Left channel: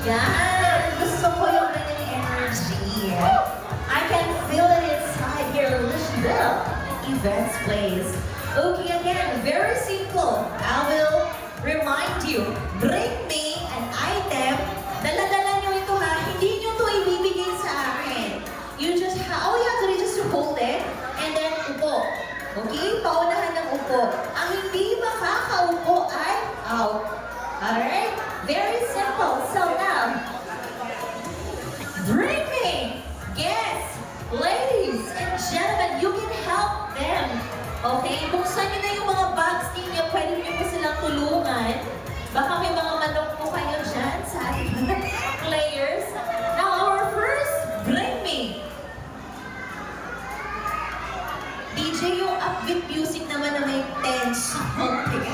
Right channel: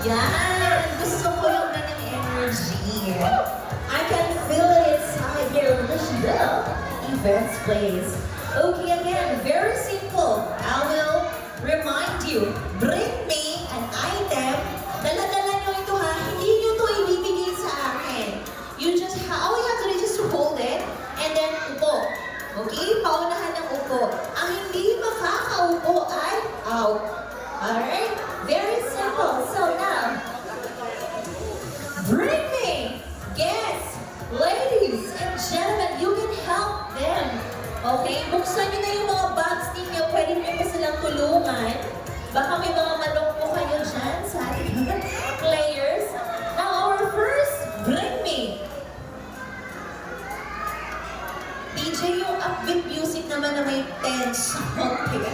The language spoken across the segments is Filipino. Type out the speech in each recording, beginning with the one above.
Yan! Gusto ko yung ganyang energy. I can feel it inside here. Little events place. Okay, again, very simple. I will remind you, bring me an item. Dala-dala nyo ito ha. Hindi nyo ito ibibigay sa akin. You just all you have to do is just hold it and then upo. Okay? Paunahan ng upo. Ang hindi makakaupo ay out. Alright? Very simple. So now, bring me. Yes, ladies and gentlemen, you can help them. Okay? Buksan nyo na yung mga bags ninyo. Pwede nyo po silang tulungan. Baka may mga manok po kayo dyan sa ating players. Now, our first, bring me. DJ, yung upbeat music naman na may tense. Okay.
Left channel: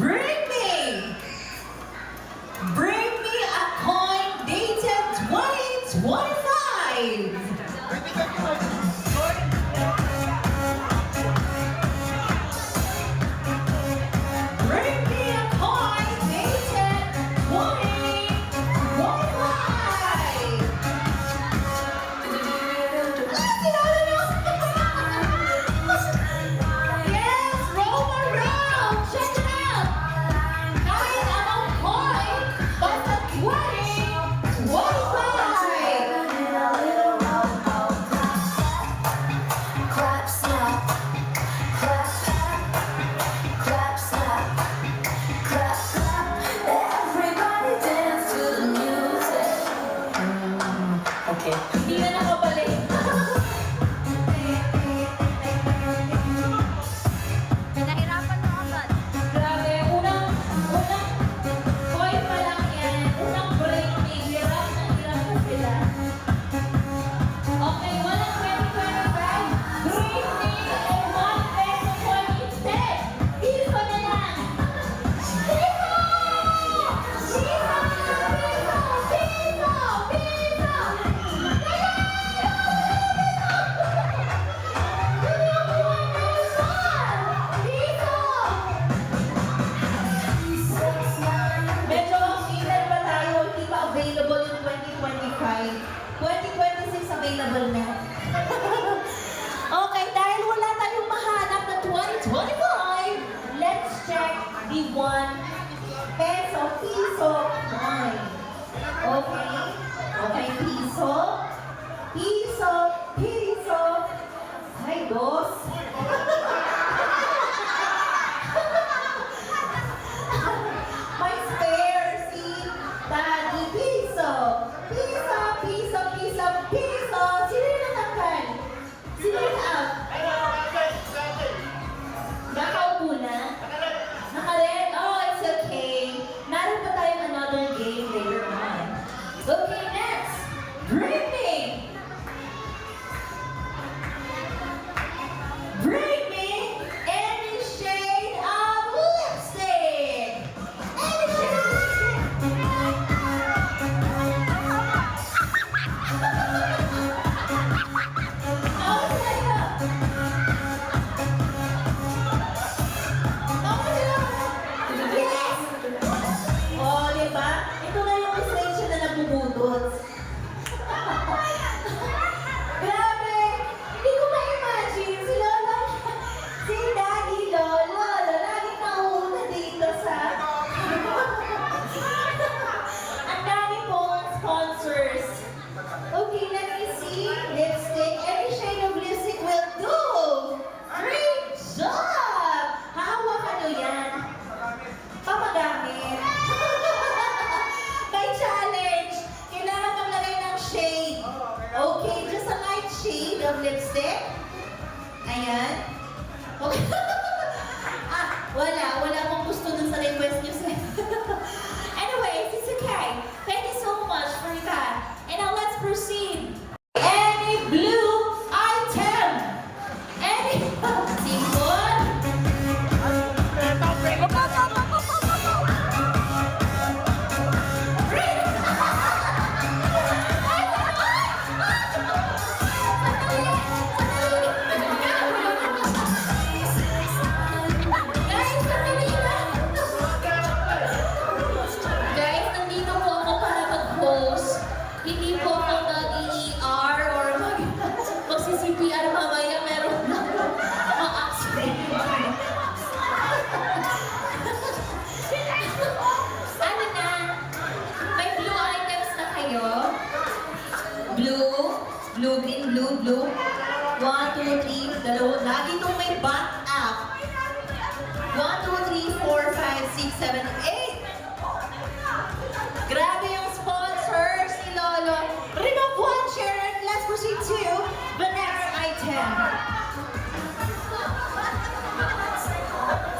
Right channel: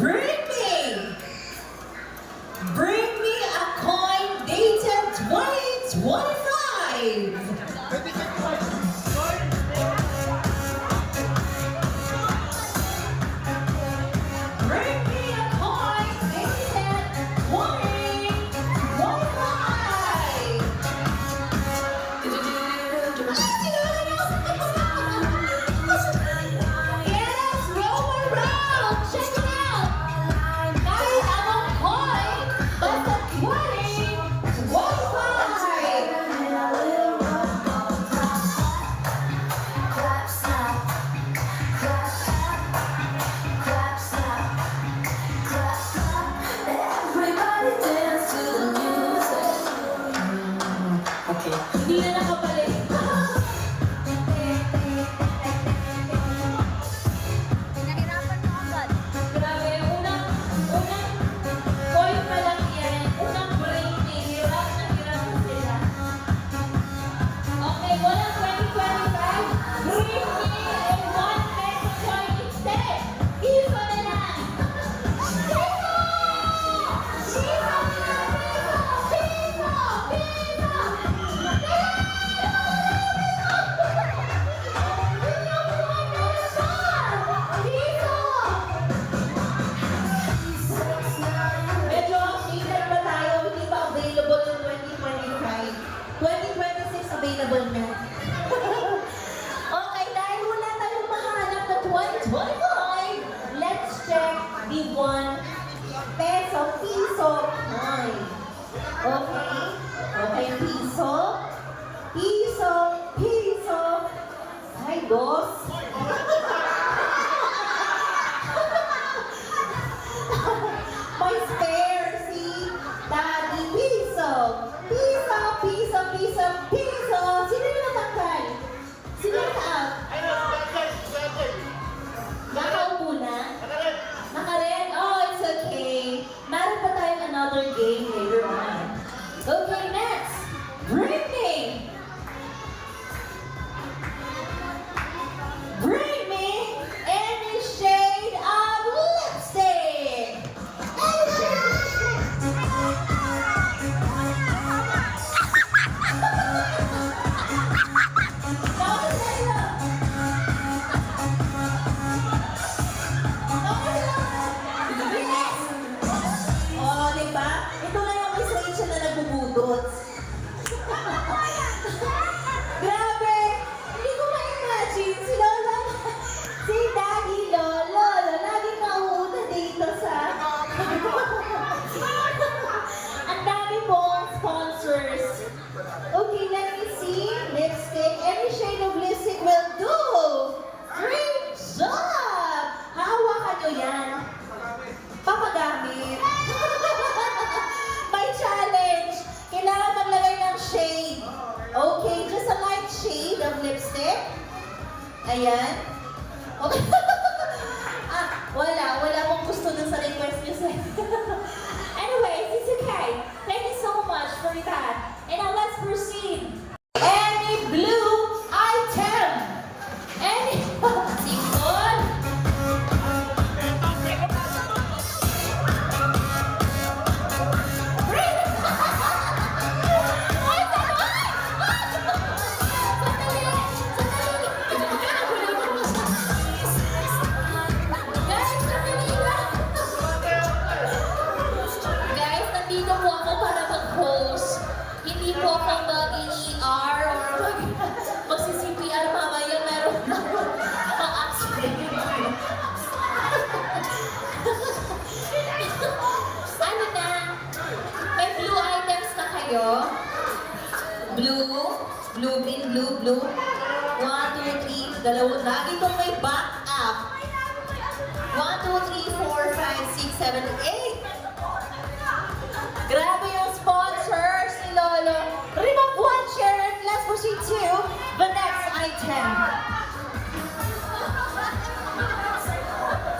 Bring me! Bring me a coin dated 2025! Bring me a coin dated 2025! Yes, roll around! Check it out! Kahit anong coin, basta 2025! Okay. Hindi na nakabalik. Nahirapan mo agad. Grabe, unang coin pa lang yan. Unang break me. Hirap na hirap na sila. Okay, walang 2025. Bring me a 1 peso coin instead. Piso na lang. Piso! Piso! Piso! Medyo updated pa tayo, hindi pa available yung 2025. 2026 available na. Okay, dahil wala tayong mahanap na 2025, let's check the 1 peso coin. Okay? Okay, piso. Piso. Ay, boss. May spare si Daddy. Piso. Sino yung natanggal? Sino yung out? Nakaupo na? Naka-red? Oh, it's okay. Meron pa tayong another game later on. Okay, next. Bring me. Bring me any shade of lipstick. Any shade of lipstick. Oh, diba? Ito na yung station na nagbubudot. Grabe! Hindi ko ma-imagine si Lolo, si Daddy Lolo, lagi mauuna dito sa... Ang dami pong sponsors. Okay, let me see. Lipstick. Any shade of lipstick will do. Great job! Hahawakan nyo yan. Papagamit. May challenge. Kailangan maglagay ng shade. Okay, just a light shade of lipstick. Ayan. Okay. Wala pong gusto dun sa request nyo, sir. Anyways, it's okay. Thank you so much for that. And now let's proceed. Any blue item? Any... Simple? Sandali! tayo. Blue, blue, green, blue, blue. 1, 2, 3, dalawa. Lagi itong may back up. 1, 2, 3, 4, 5, 6, 7, 8. Grabe yung sponsors ni Lolo. Remove one chair and let's proceed to the next item.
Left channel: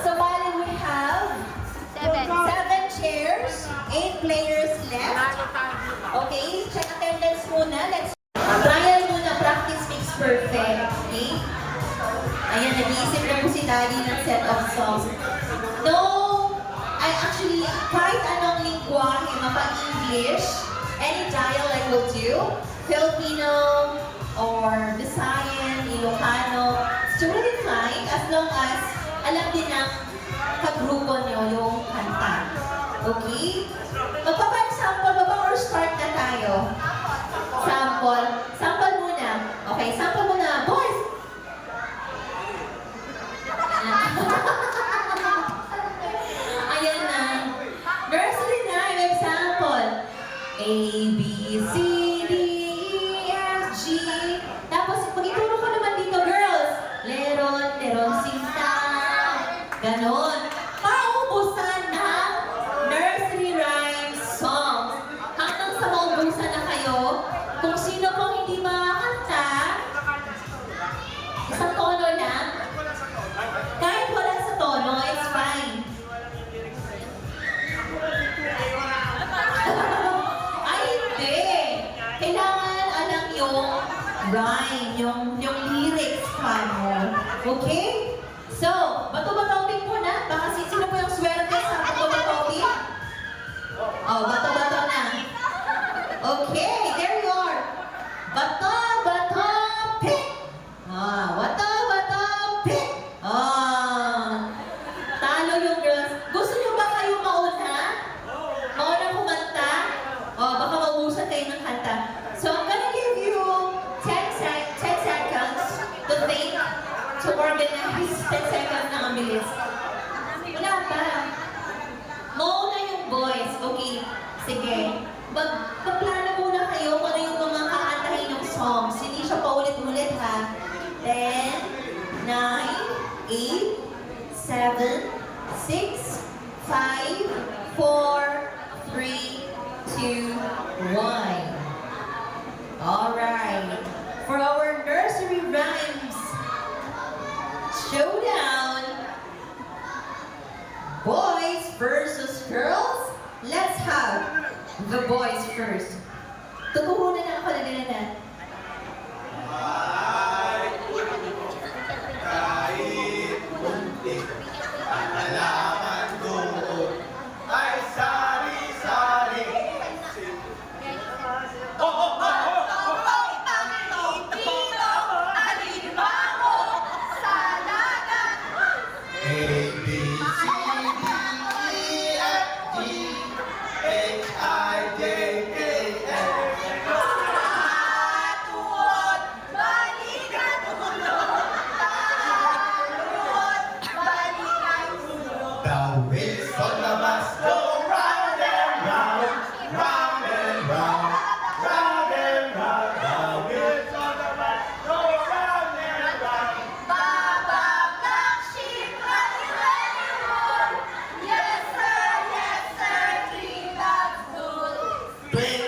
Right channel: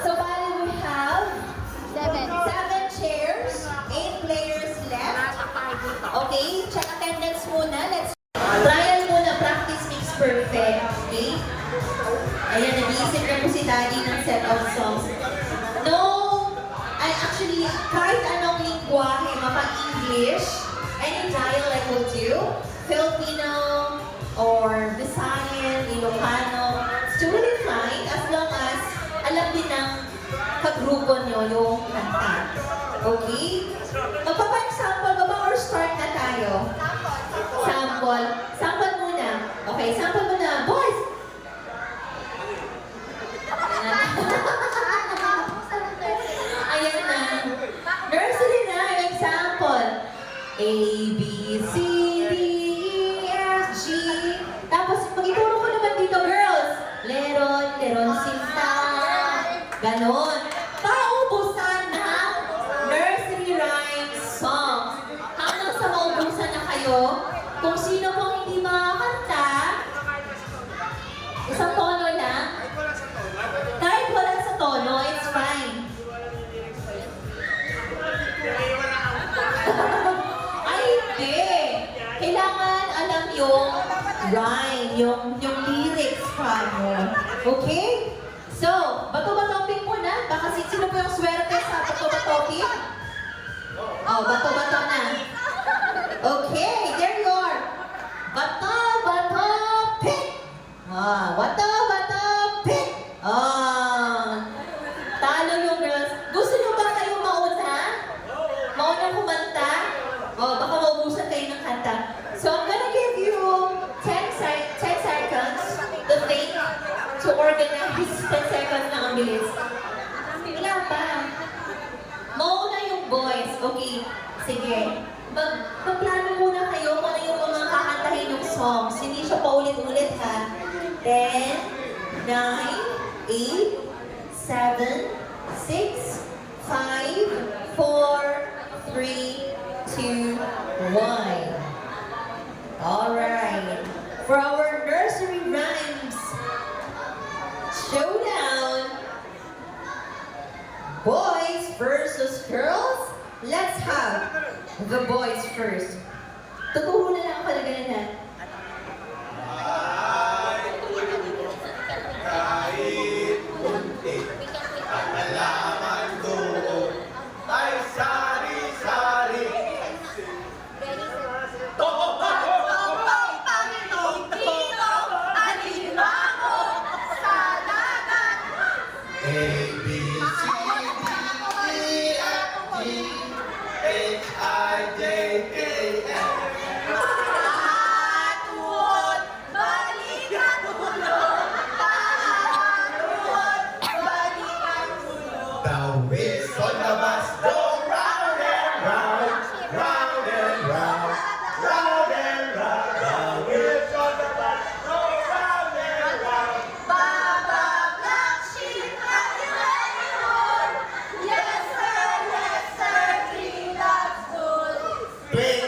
So, bali, we have 7 chairs, 8 players left. Okay, check attendance muna. Let's trial muna. Practice makes perfect. Okay? Ayan, nag-iisip na po si Daddy ng set of songs. No, I actually, kahit anong lingwahe, mapa-English, any dialect will do. Filipino, or Visayan, Ilocano, it's totally fine as long as alam din ng kagrupo nyo yung kanta. Okay? Magpapa-example ba ba or start na tayo? Sample. Sample muna. Okay, sample muna. Boys! Ayan na. Nursery na yung example. A, B, C, D, E, F, G. Tapos, mag-ituro ko naman dito, girls. Leron, leron, sinta. Ganon. Paubusan ng nursery rhyme songs. Hanggang sa maubusan na kayo, kung sino pong hindi makakanta, isang tono lang. Kahit wala sa tono, it's fine. Ay, hindi. Kailangan alam yung rhyme, yung lyrics pa mo. Okay? So, bato-batopin muna. Baka sino po yung swerte sa bato-batopin? Oh, bato-bato na. Okay, there you are. Bato-batopin. Ah, bato-batopin. Ah, talo yung girls. Gusto nyo ba kayo mauna? Maunang kumanta? Oh, baka maubusan kayo ng kanta. So, I'm gonna give you 10 seconds to think, to organize. 10 seconds lang ang bilis. Wala pa. Mauna yung boys. Okay, sige. Magplano muna kayo kung ano yung mga kakantahin yung songs. Hindi siya paulit-ulit ha. 10, 9, 8, 7, 6, 5, 4, 3, 2, 1. Alright. For our nursery rhymes showdown, boys versus girls, let's have the boys first. Tutuhunan ang kalagayan na. Kahit muntik, pangalaman doon ay sari-sari. A, B, C, D, E, F, G, H, I, J, K, L. The wheels on the bus go round and round, round and round, round and round. The wheels on the bus go round and round. Play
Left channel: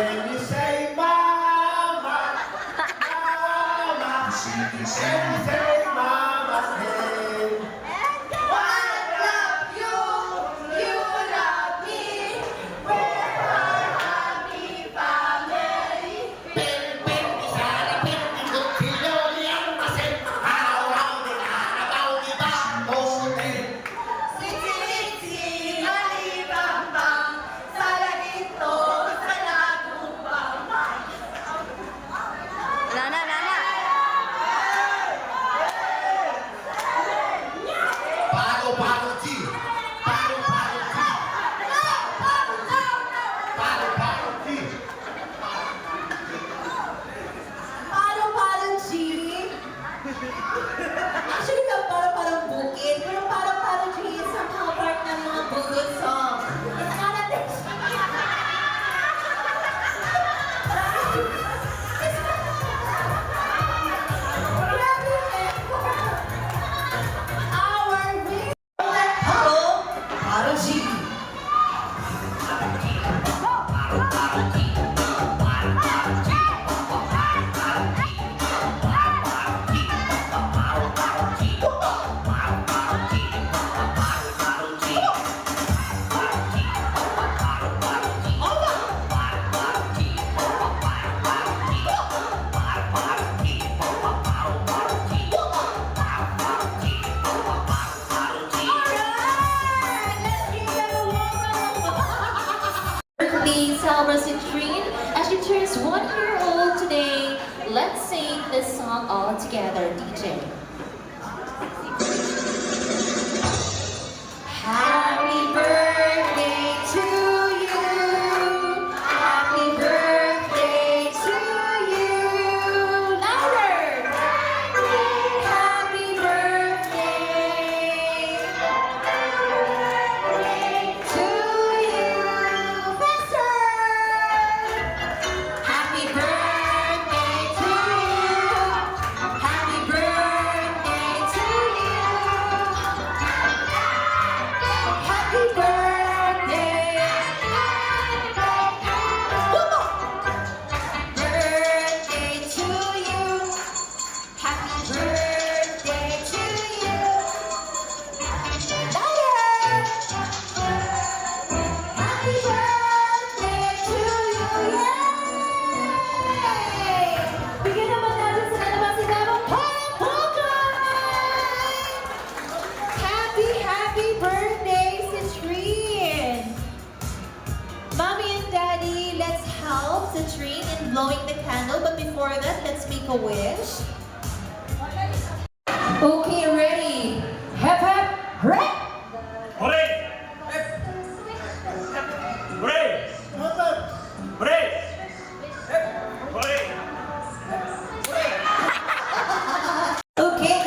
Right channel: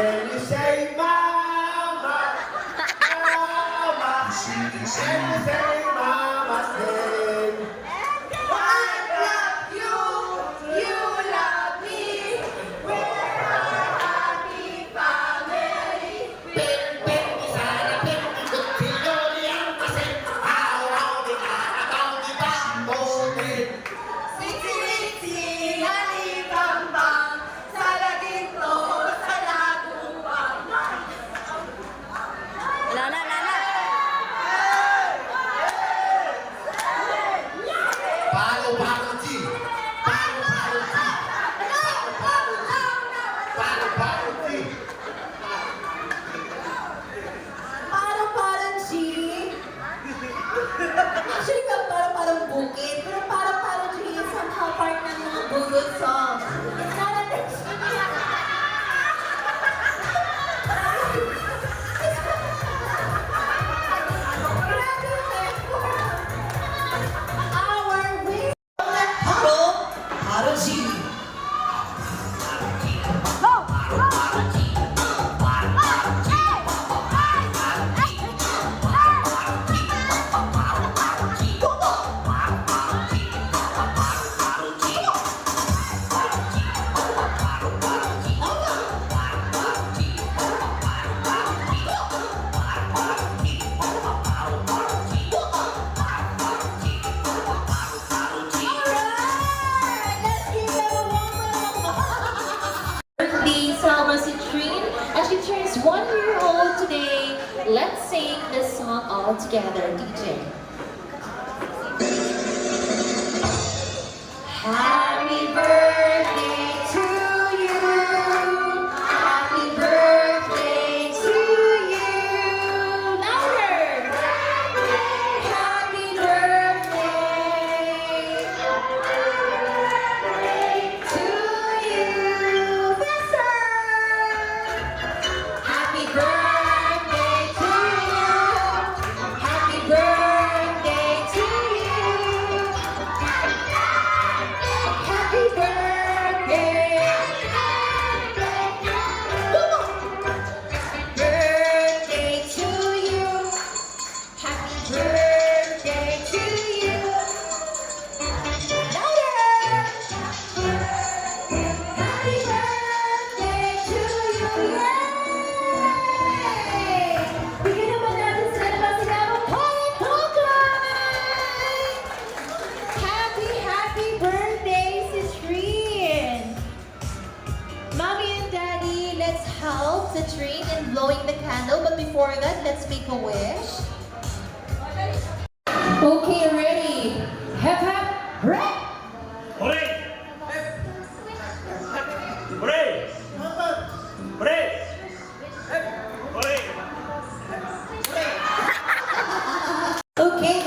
Can you say mama? Mama. Can you say mama's name? I love you, you love me. We're a happy family. Siksi alibambang sa lagito sa lagumbang. Wala na, wala na. Palo, palo, G. Palo, palo, G. Palo, palo, G. Parang G. Actually, parang bukid. Pero parang G somehow part ng mga bugod song. It's not a thing. Our way. Parang G. Birthday celebration as she turns 1 year old today. Let's sing this song all together, DJ. Happy birthday to you. Happy birthday to you. Louder. Happy birthday to you. Faster. Happy birthday to you. Happy birthday to you. Happy birthday. Birthday to you. Happy birthday to you. Louder. Happy birthday to you. Yay! Bigyan naman natin sila ng masigabong palakpakan! Happy birthday, Citrine! Mommy and Daddy, let's help Citrine in blowing the candle. But before that, let's make a wish. Okay, ready? Hep hep, hooray! Hooray! Hooray! Hooray! Hooray! Okay,